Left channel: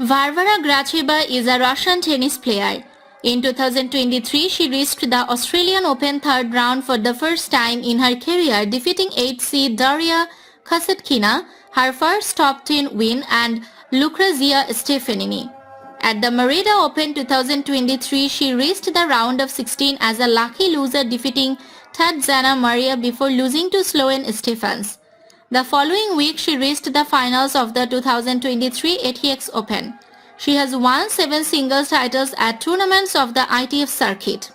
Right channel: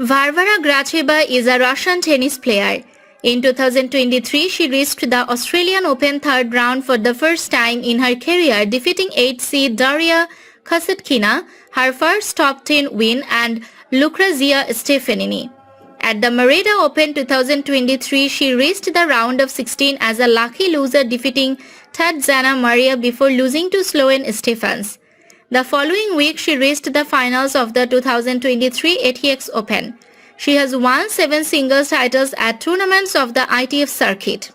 Varvara Gracheva is a Russian tennis player. In 2023, she reached the Australian Open third round for the first time in her career, defeating 8th seed Daria Kasatkina, her first top 10 win, and Lucrezia Stefanini. At the Mérida Open 2023, she reached the round of 16 as a lucky loser, defeating Tatjana Maria before losing to Sloane Stephens. The following week, she reached the finals of the 2023 ATX Open. She has won 7 singles titles at tournaments of the ITF Circuit.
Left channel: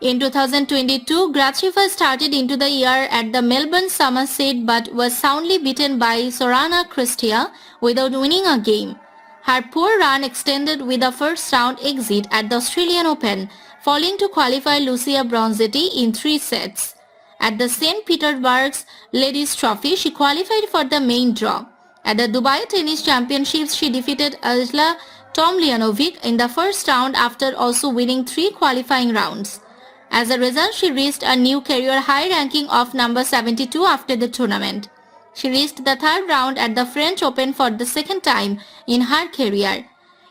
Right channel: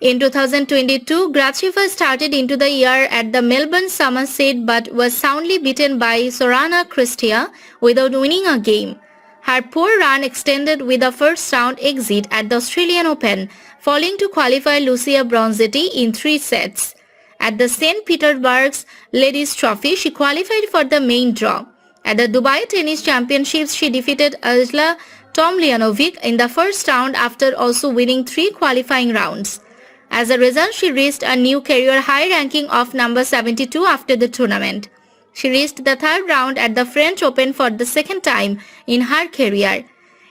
In 2022, Gracheva started into the year at the Melbourne Summer Set but was soundly beaten by Sorana Cîrstea without winning a game. Her poor run extended with a first round exit at the Australian Open, falling to qualify Lucia Bronzetti in 3 sets. At the St. Petersburg's Ladies Trophy, she qualified for the main draw. At the Dubai Tennis Championships, she defeated Ajla Tomljanovic in the first round after also winning 3 qualifying rounds. As a result, she reached a new career high ranking of number 72 after the tournament. She reached the third round at the French Open for the second time in her career.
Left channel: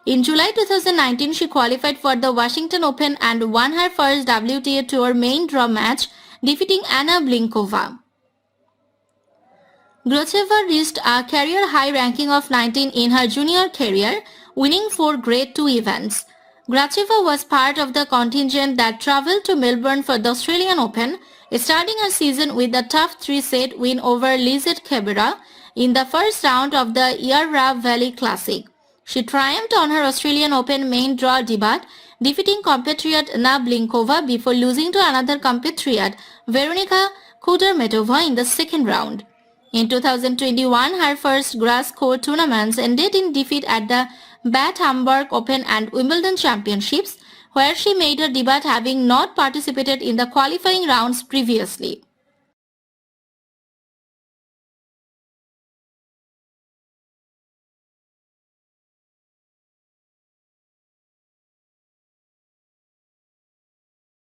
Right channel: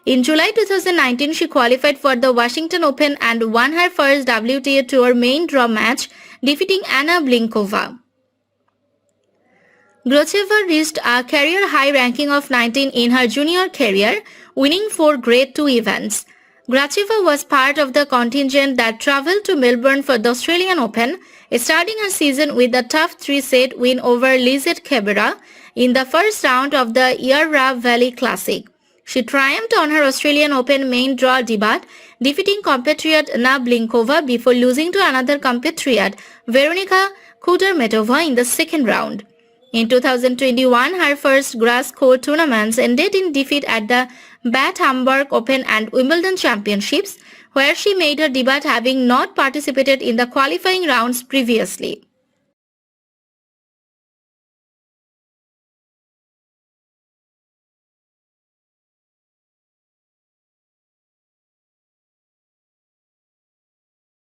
In July 2019, she qualified for the Washington Open and won her first WTA Tour main draw match, defeating Anna Blinkova. Gracheva reached a career high ranking of 19 in her junior career, winning 4 Grade 2 events. Gracheva was part of the contingent that travelled to Melbourne for the Australian Open, starting her season with a tough 3-set win over Lizette Cabrera in the first round of the Yarra Valley Classic. She triumphed on her Australian Open main draw debut, defeating compatriot Anna Blinkova before losing to another compatriot, Veronika Kudermetova, in the second round. In 2021, her first grass court tournaments ended in defeat at the Bad Hamburg Open and Wimbledon Championships, where she made her debut having not participated in the qualifying rounds previously.